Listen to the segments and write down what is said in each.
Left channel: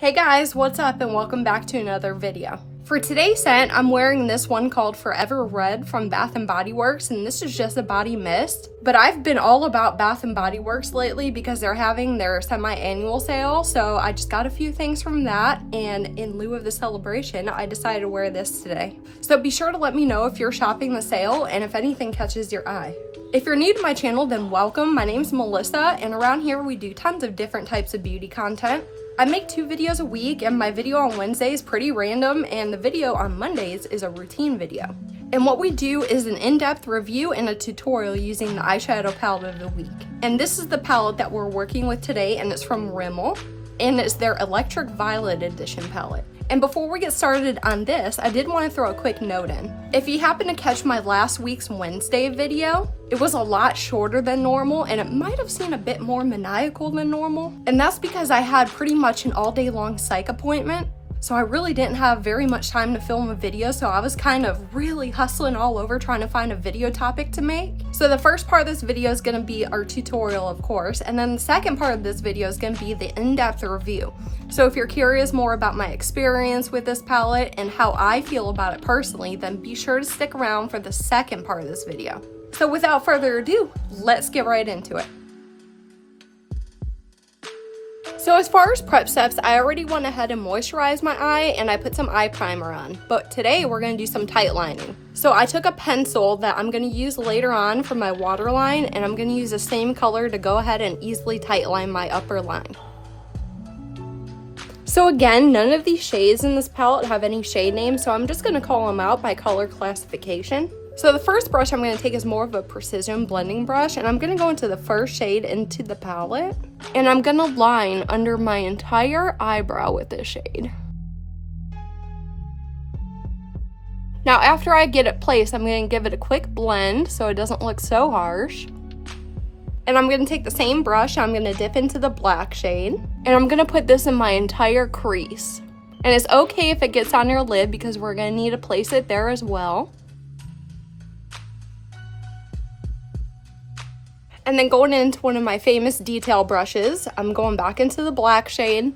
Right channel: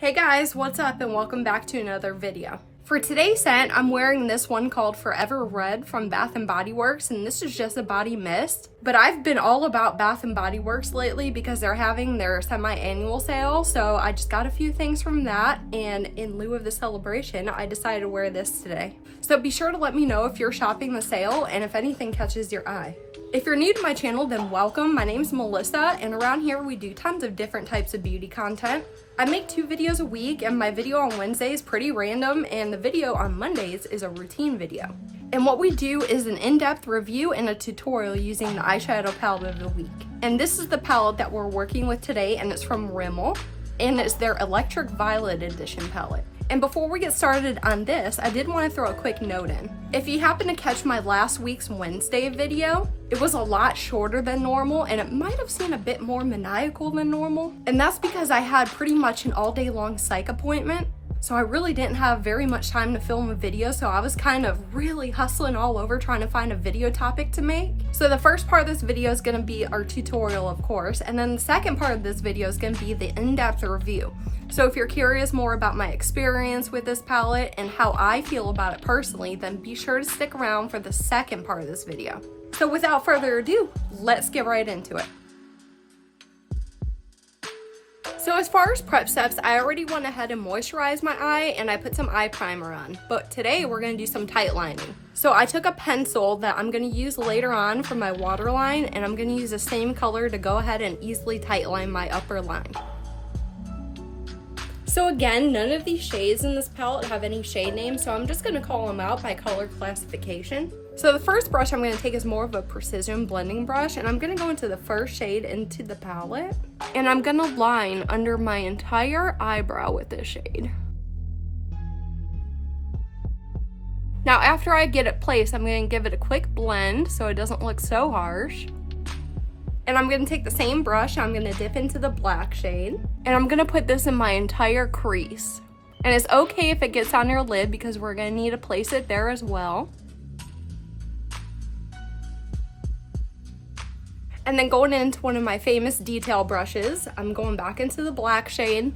Hey guys, what's up and welcome back to another video. For today's scent, I'm wearing this one called Forever Red from Bath & Body Works, and this is just a body mist. But I've been all about Bath & Body Works lately because they're having their semi-annual sale, so I just got a few things from that, and in lieu of the celebration, I decided to wear this today. So be sure to let me know if you're shopping the sale and if anything catches your eye. If you're new to my channel, then welcome. My name's Melissa, and around here we do tons of different types of beauty content. I make 2 videos a week, and my video on Wednesday is pretty random, and the video on Mondays is a routine video. And what we do is an in-depth review and a tutorial using the eyeshadow palette of the week. And this is the palette that we're working with today, and it's from Rimmel, and it's their Electric Violet Edition palette. And before we get started on this, I did want to throw a quick note in. If you happen to catch my last week's Wednesday video, it was a lot shorter than normal and it might have seemed a bit more maniacal than normal. And that's because I had pretty much an all day long psych appointment. So I really didn't have very much time to film a video, so I was kind of really hustling all over trying to find a video topic to make. So the first part of this video is going to be our tutorial, of course, and then the second part of this video is going to be the in-depth review. So if you're curious more about my experience with this palette and how I feel about it personally, then be sure to stick around for the second part of this video. So without further ado, let's get right into it. So as far as prep steps, I already went ahead and moisturized my eye and I put some eye primer on. But today we're going to do some tight lining. So I took a pencil that I'm going to use later on for my waterline, and I'm going to use the same color to go ahead and easily tight line my upper line. So again, none of these shades in this palette have any shade names, so I'm just going to call them out by color classification. So the first brush I'm going to take is more of a precision blending brush, and I'm going to go into the first shade into the palette, and I'm going to line under my entire eyebrow with this shade. Now after I get it placed, I'm going to give it a quick blend so it doesn't look so harsh. And I'm going to take the same brush, I'm going to dip into the black shade, and I'm going to put this in my entire crease. And it's okay if it gets on your lid because we're going to need to place it there as well. And then going into one of my famous detail brushes, I'm going back into the black shade,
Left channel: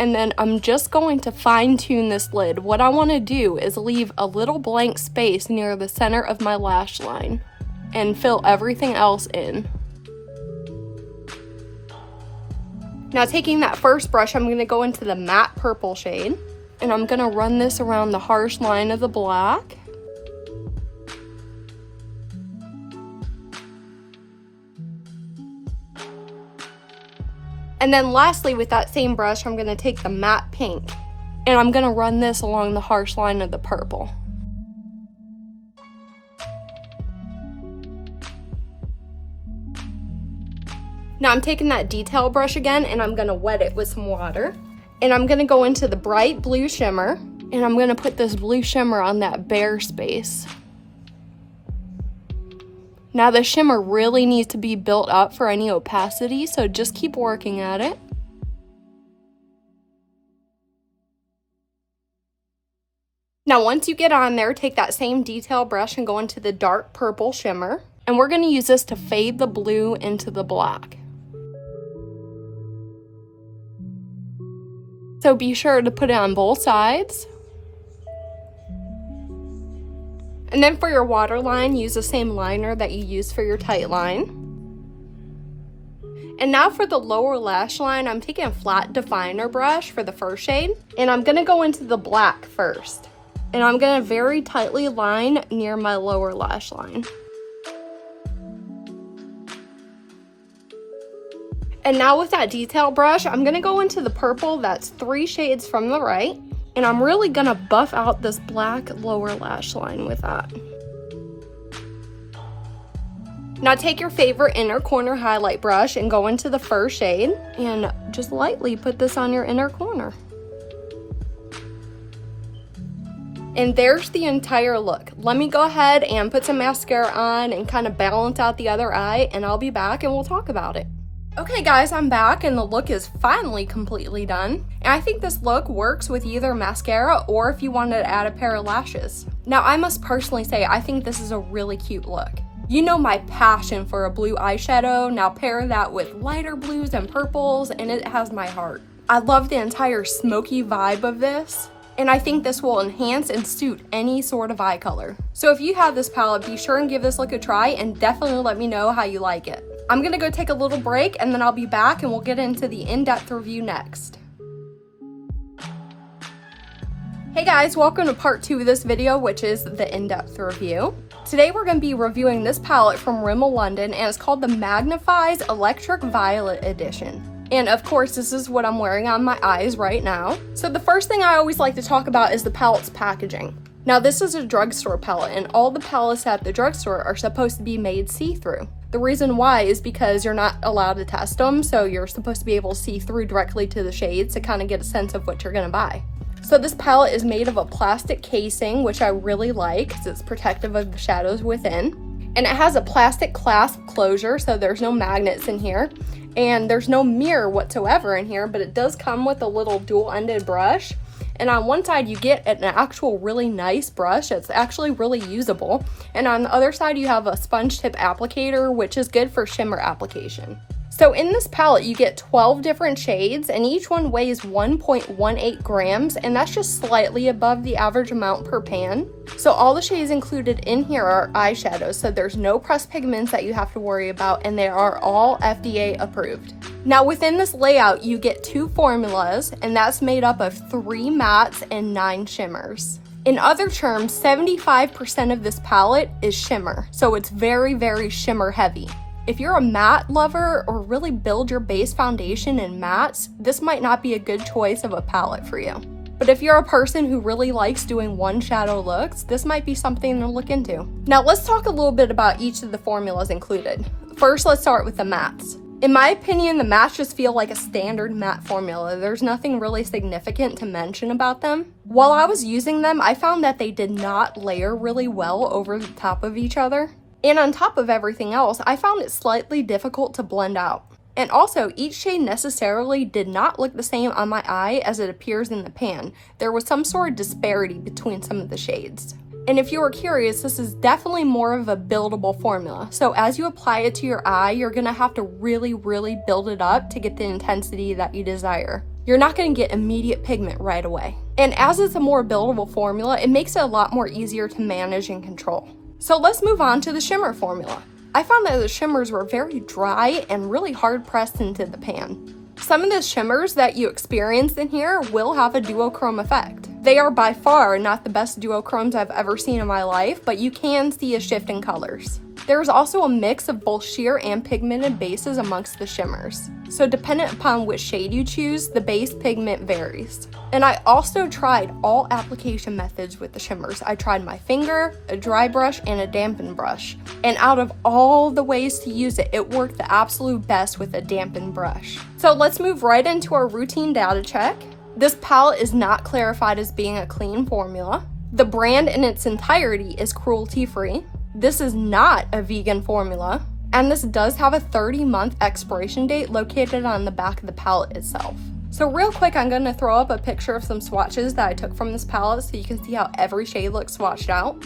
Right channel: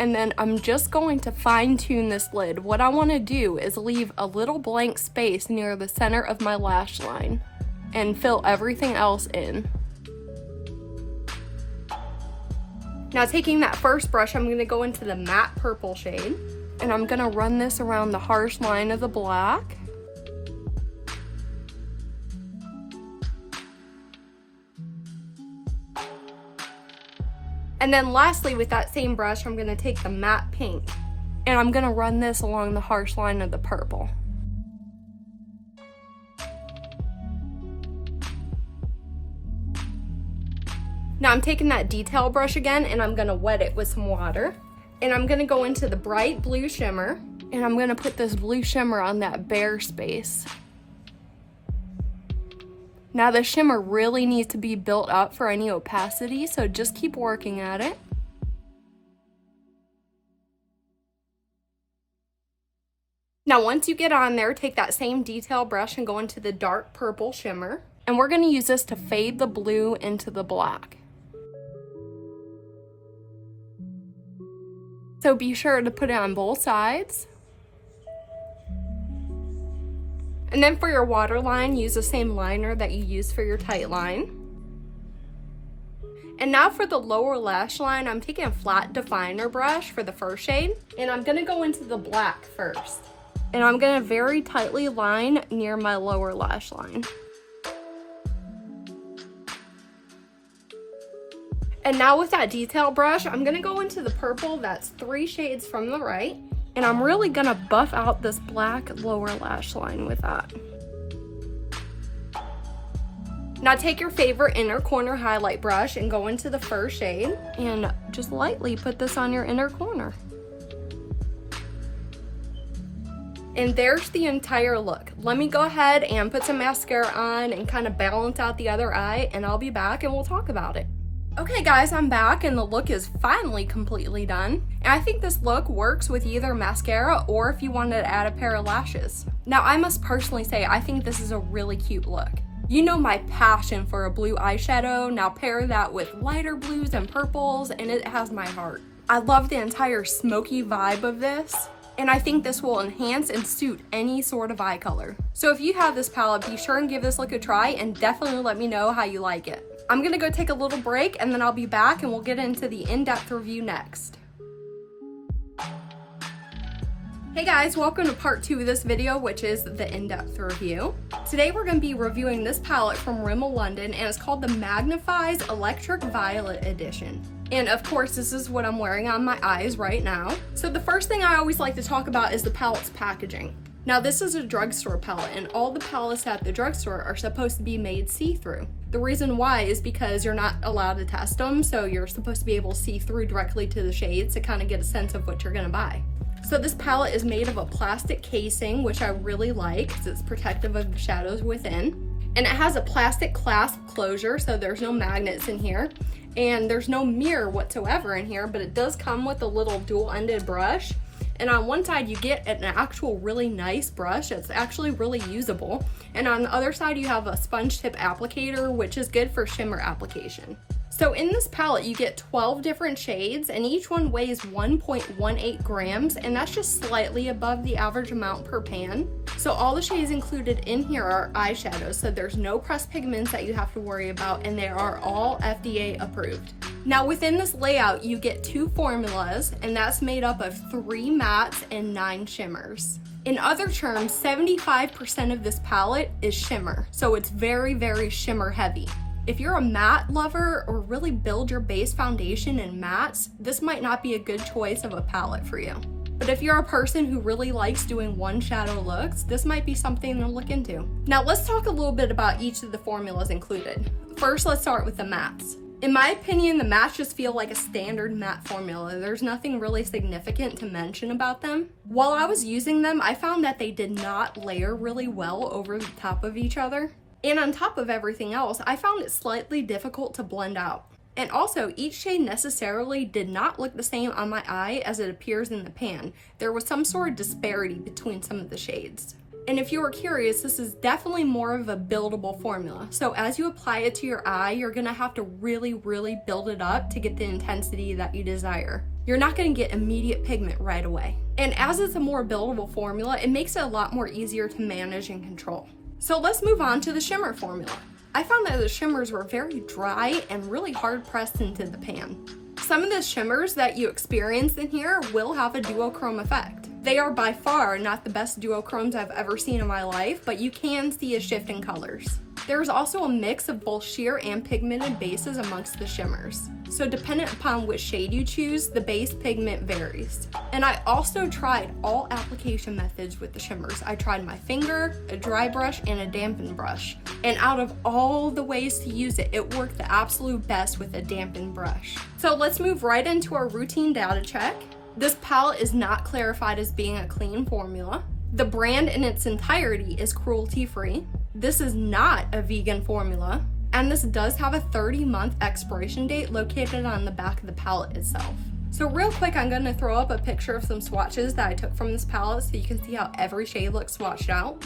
and then I'm just going to fine tune this lid. What I want to do is leave a little blank space near the center of my lash line and fill everything else in. Now taking that first brush, I'm going to go into the matte purple shade, and I'm going to run this around the harsh line of the black. And then lastly, with that same brush, I'm going to take the matte pink, and I'm going to run this along the harsh line of the purple. Now I'm taking that detail brush again, and I'm going to wet it with some water. And I'm going to go into the bright blue shimmer, and I'm going to put this blue shimmer on that bare space. Now the shimmer really needs to be built up for any opacity, so just keep working at it. Now once you get on there, take that same detail brush and go into the dark purple shimmer, and we're going to use this to fade the blue into the black. So be sure to put it on both sides. And then for your waterline, use the same liner that you use for your tight line. And now for the lower lash line, I'm taking a flat definer brush for the first shade, and I'm going to go into the black first. And I'm going to very tightly line near my lower lash line. And now with that detail brush, I'm going to go into the purple that's 3 shades from the right. And I'm really gonna buff out this black lower lash line with that. Now take your favorite inner corner highlight brush and go into the first shade and just lightly put this on your inner corner. And there's the entire look. Let me go ahead and put some mascara on and kind of balance out the other eye, and I'll be back and we'll talk about it. Okay guys, I'm back and the look is finally completely done. And I think this look works with either mascara or if you wanted to add a pair of lashes. Now I must personally say I think this is a really cute look. You know my passion for a blue eyeshadow, now pair that with lighter blues and purples and it has my heart. I love the entire smoky vibe of this, and I think this will enhance and suit any sort of eye color. So if you have this palette, be sure and give this look a try and definitely let me know how you like it. I'm gonna go take a little break and then I'll be back and we'll get into the in-depth review next. Hey guys, welcome to part 2 of this video, which is the in-depth review. Today we're going to be reviewing this palette from Rimmel London, and it's called the Magnifies Electric Violet Edition. And of course, this is what I'm wearing on my eyes right now. So the first thing I always like to talk about is the palette's packaging. Now this is a drugstore palette, and all the palettes at the drugstore are supposed to be made see-through. The reason why is because you're not allowed to test them, so you're supposed to be able to see through directly to the shades to kind of get a sense of what you're going to buy. So this palette is made of a plastic casing, which I really like because it's protective of the shadows within. And it has a plastic clasp closure, so there's no magnets in here. And there's no mirror whatsoever in here, but it does come with a little dual-ended brush. And on one side you get an actual really nice brush. It's actually really usable. And on the other side you have a sponge tip applicator, which is good for shimmer application. So in this palette, you get 12 different shades, and each one weighs 1.18 grams, and that's just slightly above the average amount per pan. So all the shades included in here are eyeshadows, so there's no pressed pigments that you have to worry about, and they are all FDA approved. Now within this layout, you get 2 formulas, and that's made up of 3 mattes and 9 shimmers. In other terms, 75% of this palette is shimmer, so it's very, very shimmer heavy. If you're a matte lover or really build your base foundation in mattes, this might not be a good choice of a palette for you. But if you're a person who really likes doing one shadow looks, this might be something to look into. Now let's talk a little bit about each of the formulas included. First, let's start with the mattes. In my opinion, the mattes just feel like a standard matte formula. There's nothing really significant to mention about them. While I was using them, I found that they did not layer really well over the top of each other. And on top of everything else, I found it slightly difficult to blend out. And also, each shade necessarily did not look the same on my eye as it appears in the pan. There was some sort of disparity between some of the shades. And if you were curious, this is definitely more of a buildable formula. So as you apply it to your eye, you're gonna have to really, really build it up to get the intensity that you desire. You're not gonna get immediate pigment right away. And as it's a more buildable formula, it makes it a lot more easier to manage and control. So let's move on to the shimmer formula. I found that the shimmers were very dry and really hard pressed into the pan. Some of the shimmers that you experienced in here will have a duochrome effect. They are by far not the best duochromes I've ever seen in my life, but you can see a shift in colors. There's also a mix of both sheer and pigmented bases amongst the shimmers. So dependent upon which shade you choose, the base pigment varies. And I also tried all application methods with the shimmers. I tried my finger, a dry brush, and a dampened brush. And out of all the ways to use it, it worked the absolute best with a dampened brush. So let's move right into our routine data check. This palette is not clarified as being a clean formula. The brand in its entirety is cruelty-free. This is not a vegan formula. And this does have a 30-month expiration date located on the back of the palette itself. So real quick, I'm going to throw up a picture of some swatches that I took from this palette so you can see how every shade looks swatched out.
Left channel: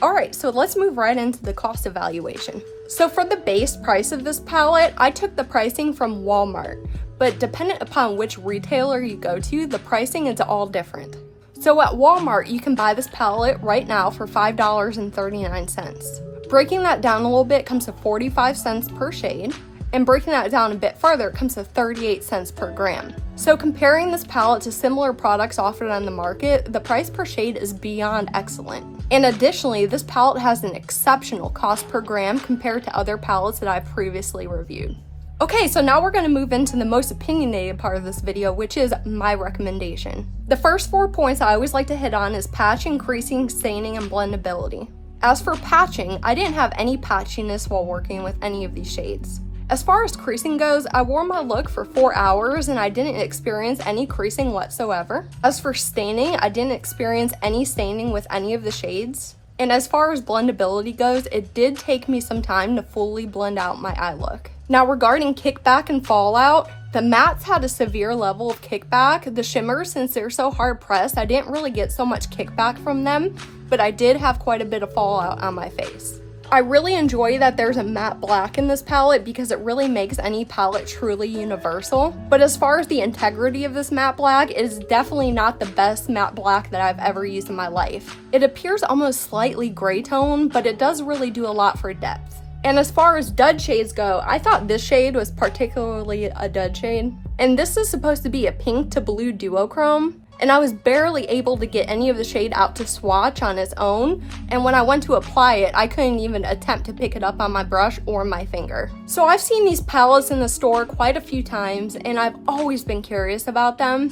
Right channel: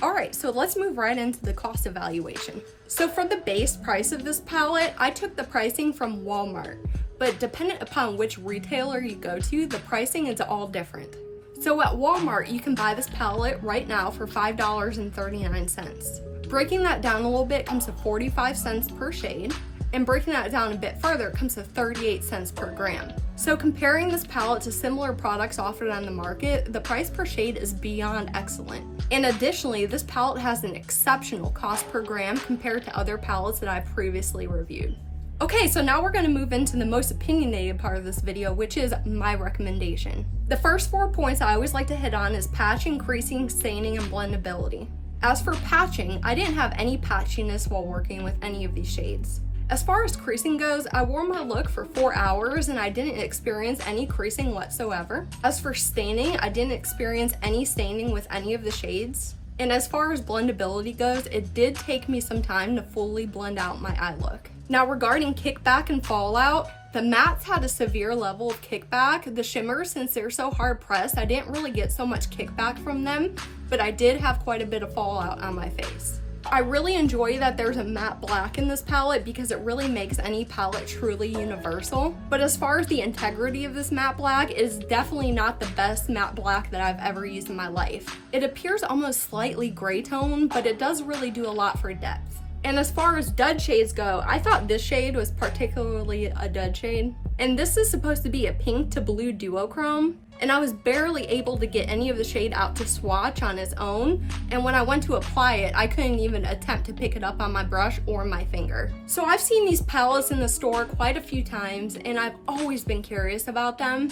Alright, so let's move right into the cost evaluation. So for the base price of this palette, I took the pricing from Walmart, but dependent upon which retailer you go to, the pricing is all different. So at Walmart, you can buy this palette right now for $5.39. Breaking that down a little bit comes to 45 cents per shade, and breaking that down a bit further it comes to 38 cents per gram. So comparing this palette to similar products offered on the market, the price per shade is beyond excellent. And additionally, this palette has an exceptional cost per gram compared to other palettes that I've previously reviewed. Okay, so now we're going to move into the most opinionated part of this video, which is my recommendation. The first 4 points I always like to hit on is patching, creasing, staining, and blendability. As for patching, I didn't have any patchiness while working with any of these shades. As far as creasing goes, I wore my look for 4 hours and I didn't experience any creasing whatsoever. As for staining, I didn't experience any staining with any of the shades. And as far as blendability goes, it did take me some time to fully blend out my eye look. Now regarding kickback and fallout, the mattes had a severe level of kickback. The shimmers, since they're so hard pressed, I didn't really get so much kickback from them, but I did have quite a bit of fallout on my face. I really enjoy that there's a matte black in this palette because it really makes any palette truly universal. But as far as the integrity of this matte black, it is definitely not the best matte black that I've ever used in my life. It appears almost slightly gray tone, but it does really do a lot for depth. And as far as dud shades go, I thought this shade was particularly a dud shade. And this is supposed to be a pink to blue duochrome. And I was barely able to get any of the shade out to swatch on its own, and when I went to apply it, I couldn't even attempt to pick it up on my brush or my finger. So I've seen these palettes in the store quite a few times, and I've always been curious about them.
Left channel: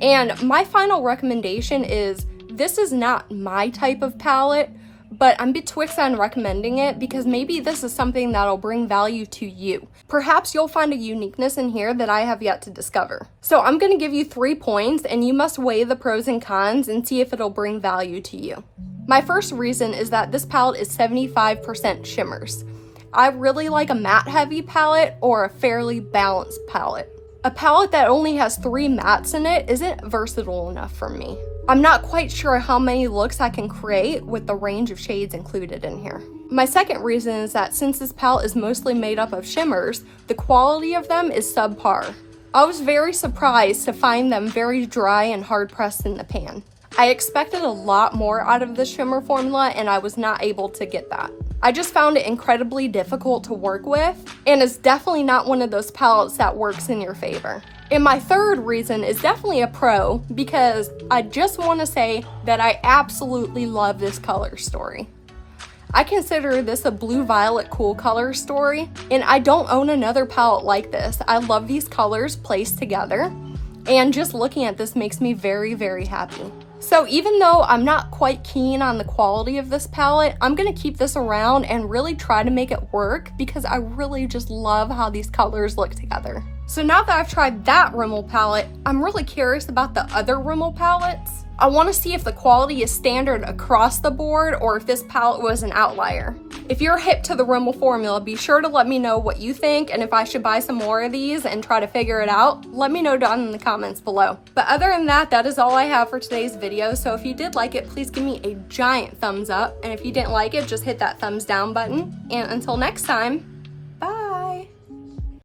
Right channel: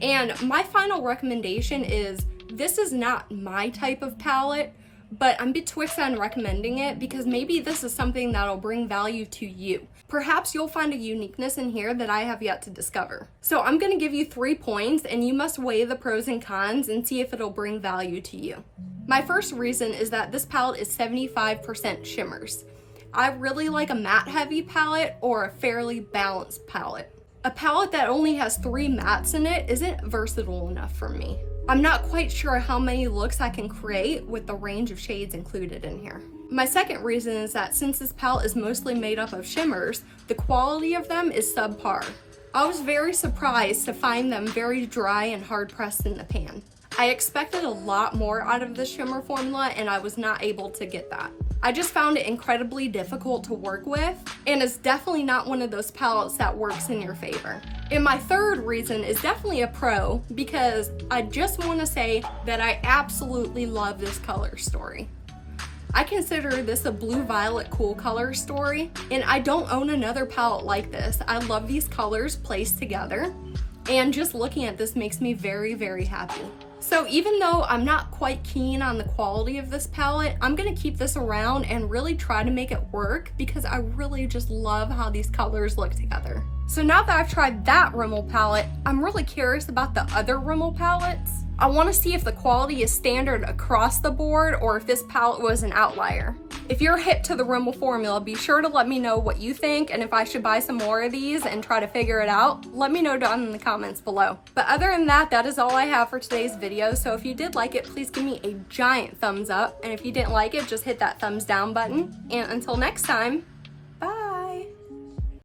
And my final recommendation is, this is not my type of palette, but I'm betwixt on recommending it because maybe this is something that'll bring value to you. Perhaps you'll find a uniqueness in here that I have yet to discover. So I'm going to give you 3 points, and you must weigh the pros and cons and see if it'll bring value to you. My first reason is that this palette is 75% shimmers. I really like a matte heavy palette or a fairly balanced palette. A palette that only has 3 mattes in it isn't versatile enough for me. I'm not quite sure how many looks I can create with the range of shades included in here. My second reason is that since this palette is mostly made up of shimmers, the quality of them is subpar. I was very surprised to find them very dry and hard pressed in the pan. I expected a lot more out of the shimmer formula, and I was not able to get that. I just found it incredibly difficult to work with, and it's definitely not one of those palettes that works in your favor. And my third reason is definitely a pro, because I just want to say that I absolutely love this color story. I consider this a blue-violet cool color story, and I don't own another palette like this. I love these colors placed together, and just looking at this makes me very, very happy. So even though I'm not quite keen on the quality of this palette, I'm going to keep this around and really try to make it work because I really just love how these colors look together. So now that I've tried that Rimmel palette, I'm really curious about the other Rimmel palettes. I want to see if the quality is standard across the board or if this palette was an outlier. If you're hip to the Rimmel formula, be sure to let me know what you think, and if I should buy some more of these and try to figure it out, let me know down in the comments below. But other than that, that is all I have for today's video. So if you did like it, please give me a giant thumbs up. And if you didn't like it, just hit that thumbs down button. And until next time,